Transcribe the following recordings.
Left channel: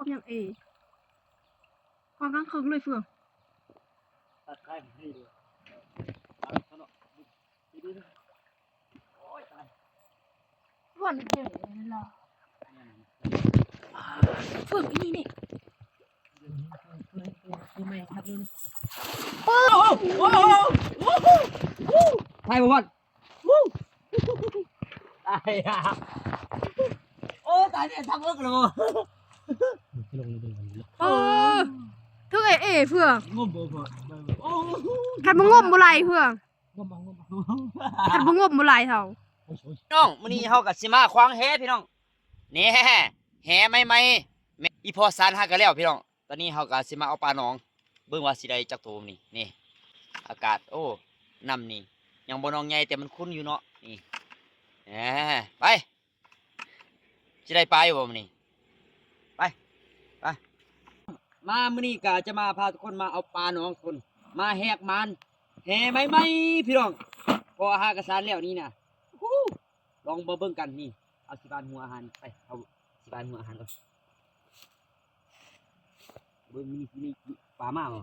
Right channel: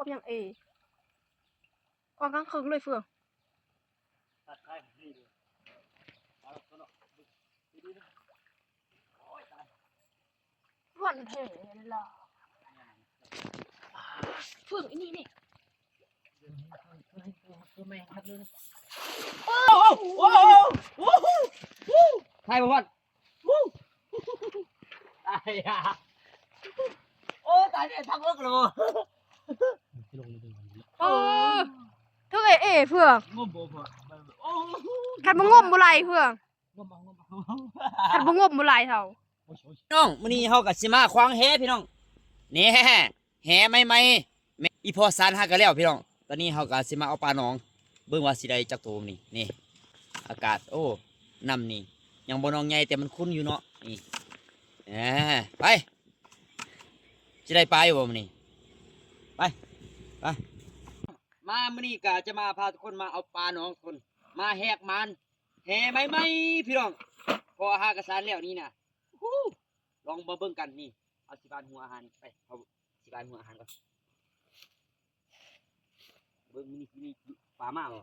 ความยังความข้างคืนเลยเฟืองตัดไข่ให้ดูตัดเขาเนาะดีๆโอ้ยตาย วันเก๋หรอเฟืองนี่คือไม่ทัดเลยโอ้โหไข่วันตายอ่ะโอ้ตายเนี่ยทำเลิกเลยจะลงเลยกันเลยทุกเฟือง งมบ่โอ้ ขันบ่งมบ่ไหลเฟือง งม ขันบ่งมบ่ไหลเท่า น้องมื้อนี้เฮาก็สิมาขวางแหพี่น้องนี่แหใหม่ๆอีพอสารหากันแล้วพี่น้องตอนนี้เฮาก็สิมาเอาปลาหนองเบิ่งว่าสิได้จักโตมื้อนี้นี่อากาศโอ้น้ำนี่ยังบ่น้องใหญ่แต่มันคุ้นอยู่เนาะนี่ไปสิได้ปลาอยู่บ่มื้อนี้ไปมามื้อนี้ก็จะมาพาทุกคนมาเอาปลาหนองคนมาแหกมันแหใหม่ๆพี่น้องพอหากระสานแล้วนี่น่ะลองมาเบิ่งกันนี่เอาสิบานหัวอาหารไปเอาสิบานหัวอาหารก่อนเบิ่งนี่ปลามาบ่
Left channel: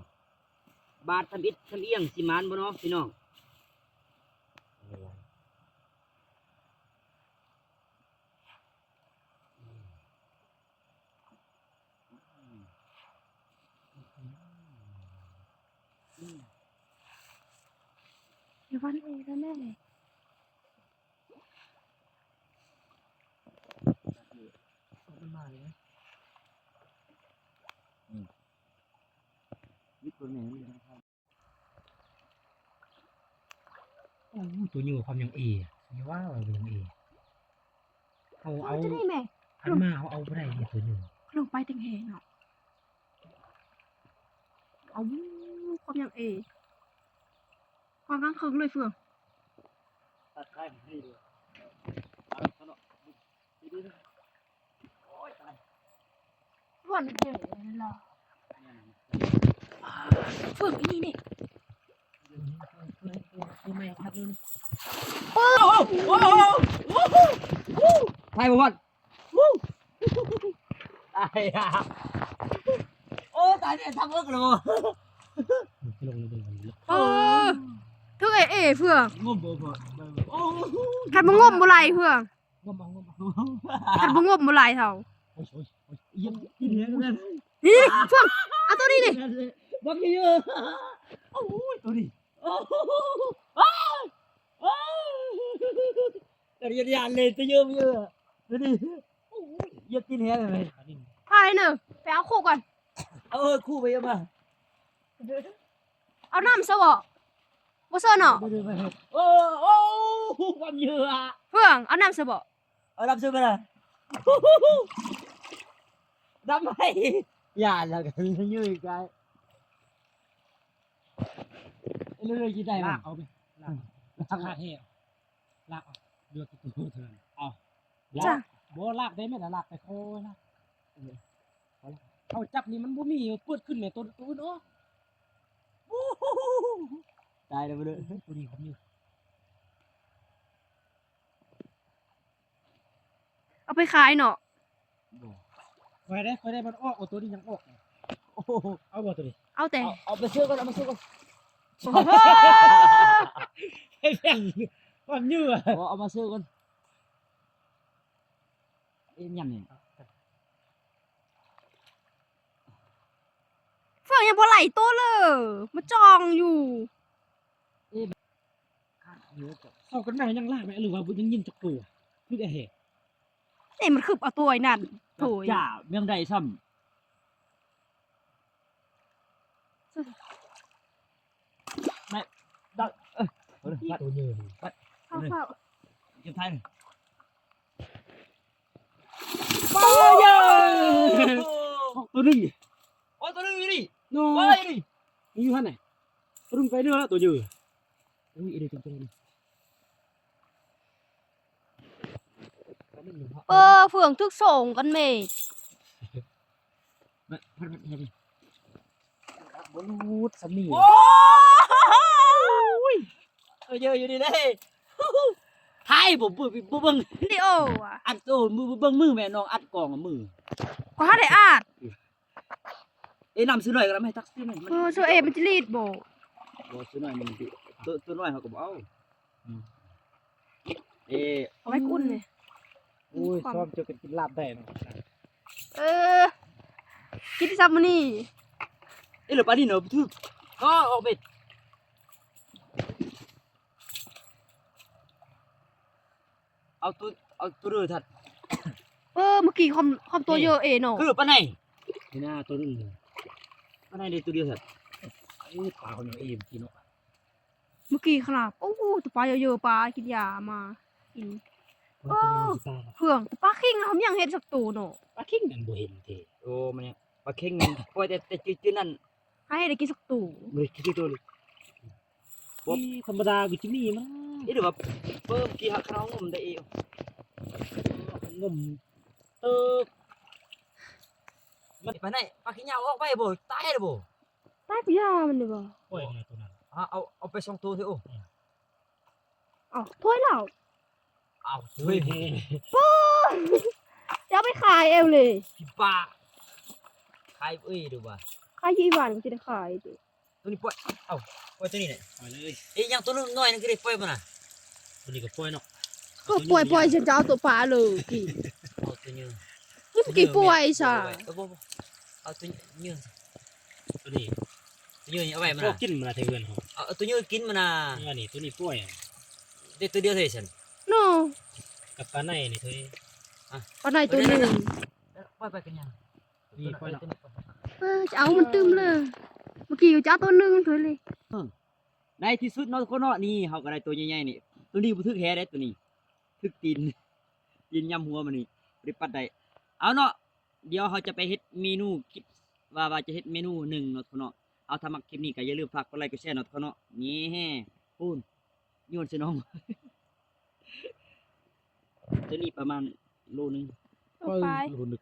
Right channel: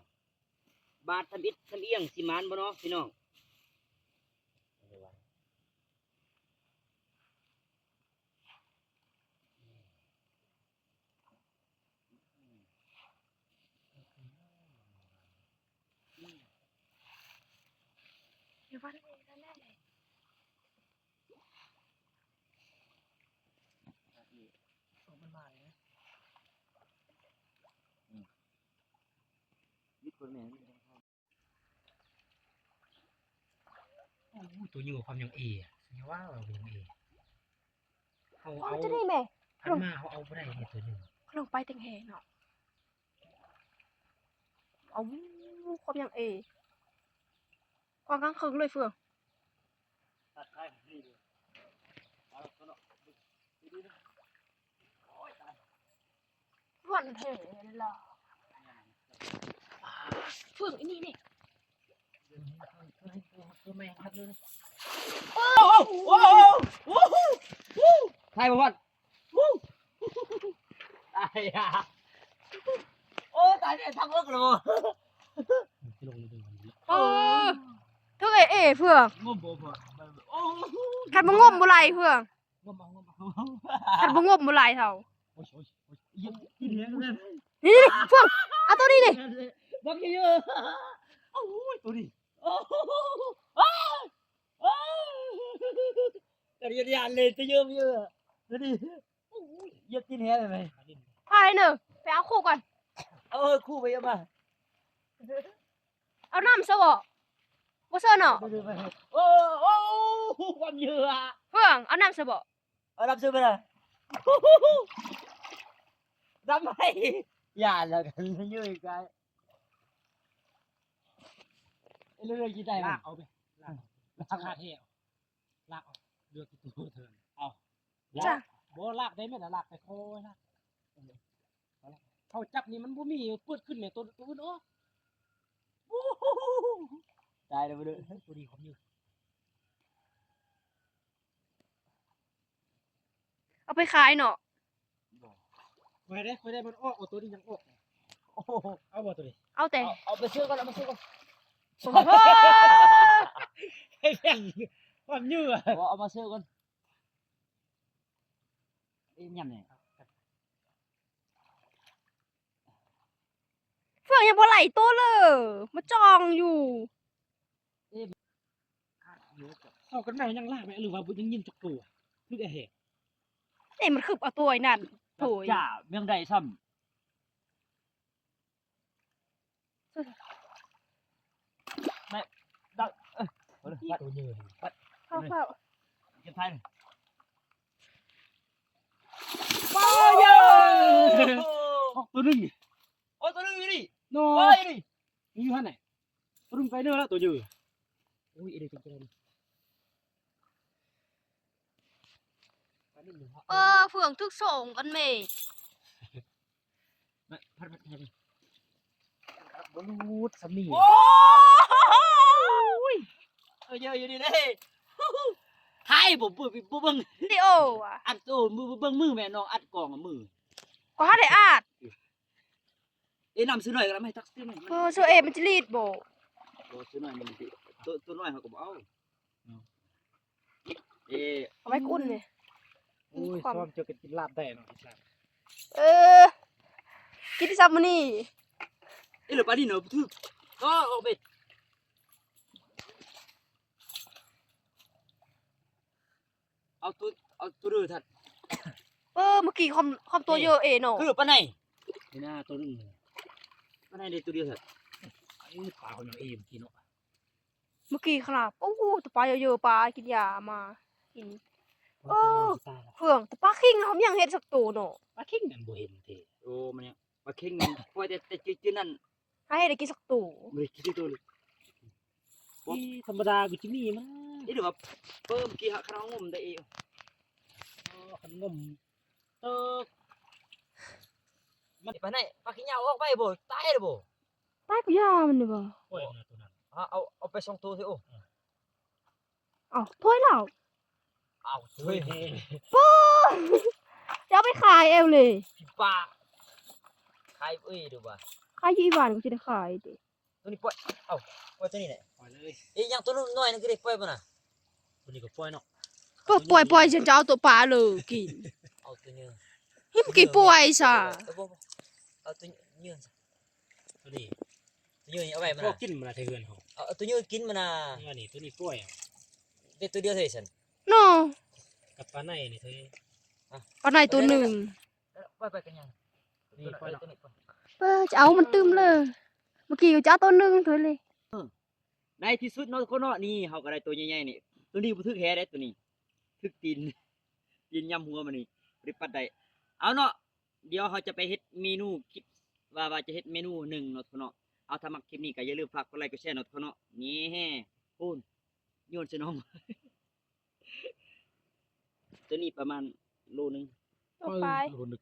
บาดทันดิดทันเอียงสิมานบ่เนาะพี่น้องเดี๋ยววันแน่ตัวอยู่ความยังนี่ว่ายังเอา จะได้แม่ ขันมาเอาไปได้ตัวหนึ่ง ลงไปติงแหเนาะเอาความยังความข้างคืนเลยเฟือง ตัดไข่ให้ดูตัดเขาเนาะดีๆโอ้ยตาย วันเก๋หรอเฟืองนี่คือไม่ทัดเลย ไข่บ่วัน ตายอ่ะโอ้ตายเนี่ยทำเลิกเลยจะลงเลยกันเลย ทุกเฟือง งมบ่โอ้ ขันบ่งมบ่ไหลเฟือง งม ขันบ่งมบ่ไหลเท่า โอ้ยยังกินเนี่ยเลย นี่เฟืองเอาตัวนี้ดิ บักเยอะโอ้ยตัวนี้โอ้ยอย่าเลยตัวเยอะตัวนี้เยอะกินแฮะเลย พายเนอะไปเอาคู่ก่อน คู่ไปยังมา เอาน้ำซะบ่บ่เซิร์เนาะ โอ้ความเยอะ เฟืองเอาน้ำซะบ่ เอารับซื้อไปเลยทำไมอย่าแล้วกันยืดไปเรื่อยๆกี่ได้ลากเอาไปลากขาดเหี้ยลากเอาเลือกคุณพูดเถินเอาลากโบลากได้ไหมล่ะลากไปโค้ลากเอาจับนี่มันบ่มีเปิดขึ้นเนี่ยตัวเนาะได้เลยเลยตัวนี้ผมอยู่ เอาไปขายเนาะ คอยได้มันออกตัวนี้ยังออกโอ้เอาบ่ตัวนี้ เอาแต่ เอาไปซื้อก่อนเอาไปซื้อก่อน โอ้โห ไอ้แข็งความยืดเอามาซื้อก่อนยำเนี่ย เฟืองยังบ่ไหลตัวเลยมาจองอยู่ เข้ากันไหนยังลากไหมหรือว่ายังยิงจักตัวลูกไอ้เหตุ นี่มันคือเอาตัวไอ้นั่นโถย จ่าเมืองใดซ้ำไม่ได้ตัวยืด เข้าเข้า เก็บไทยตัวนึง โอ้ตัวนึงอยู่นี่ โน้ โอ้ ย ยนี่ มีอยู่ท่านไหนรุ่งไกลเด้อแล้วตัวยืดอุ้ยเดี๋ยวจริงเฟืองทึกส่งกันเมฆ พัดบอลูดสมี โอ้ยเยอะอยู่นี่เลยไทยผมเบิ่ง วิดีโออ่ะ อัดโตมือเบิ่งมือแม่น้องอัดกล่องมือ ก็หาได้อาด นำซื้อหน่อยก็ได้ไม่ตักซื้อหน่อย เออโซเอมันจะรีดบ่ บ่ซื้อหน่อยมันสิตัวน้อยเขาก็บ่เอาเอ้ เอาไว้กุ้นเลย โอ้ยชอบเจอกันกินลาบได้เนาะ เออกินซับมื้อนี้ เหลือปลาดินเนาะทึกก็ออกไปเอาตัวเรือทัด เออเมื่อกี้ความตัวเยอะเนาะ คือปลาไหน นี่หน้าตัวนึงเลย ปลาไหนได้ตัวเดียวทัด อู้ปลาคนยังเอ็มกินเนาะ เมื่อกี้ขนาดโอ้โหตัวปลาเยอะๆปลากินยามากิน ปลาคนยังกินปลา เพื่องแต่ปลาคิงเขายังเฮ็ดสักตัวเนาะ ปลาเข่งนั่นบ่เห็นเท่ โอ้มันเนี่ยปลาเค็งมันปล่อยแต่จืดๆนั่น ให้ได้กินสักตัว บ่ได้คิดตัวเลยธรรมดากูจะมีมั้ง นี่เดี๋ยวว่าเพิ่มกี่หักขนมงมได้เอง งมเติบ มันปลาไหนปลาขี้เหงาออกไปบ่ตายเลยบ่ ตายไปยามันนี่บ่ โอ้ยนะตัวนั้น เอาไปสองตัวเถอะโอ้ เอ้าถ้วยเหล้า เอา เฮ้ย จะเอาไปขายเองเลย พี่ป้าขายเอ้ยดูว่า ขายยี่หวานก็จะได้ขายตัว ตัวนี้ปล่อยปล่อยตัวนี้เนี่ย ปล่อยเลย ยังตัวน้อยนึงก็ได้ปล่อยมันน่ะ ตัวนี้ก็ปล่อยเนาะ ก็ปล่อยฉันจะเอาตัวปลาเลยกี่ เอาตัวเนื้อ นี่กี่ปล่อยซะ เอาตัวเนื้อ ตัวนี้ ตัวเนื้อเอาไว้มัน พวก น่ะ กินมันเถื่อนเขา เอาตัวเนื้อกินมันน่ะ นี่ตัวนี้ปล่อย ได้ตัวเดียวเท่าฉัน เนาะ กับปลาในนี่เธอ ปลาไหนตัวหนึง ปล่อยไปกันยัง นี่ปล่อยเนาะ จะเอามันตึมเลย เมื่อกี้จะเอาตัวหนึงเถอะเลย ในที่สุดเนาะคนเนาะนี่เฮาก็ได้ตัวใหญ่ๆนี่ตัวนี้บ่ทึกแฮได้ตัวนี้ทึกตีนยำหัวมันนี่บ่ได้ปัดได้เอาเนาะเดี๋ยวเฮาจะไปเฮ็ดเมนูคิดว่าจะเฮ็ดเมนูหนึ่งเนาะทุกคนเนาะเอาถ้ามักคลิปนี้ก็อย่าลืมฝากกดไลค์กดแชร์เนาะทุกคนเนาะนี่ปูนโยนใส่น้อง ตัวนี้ประมาณโลนึง เอาไป คนนึก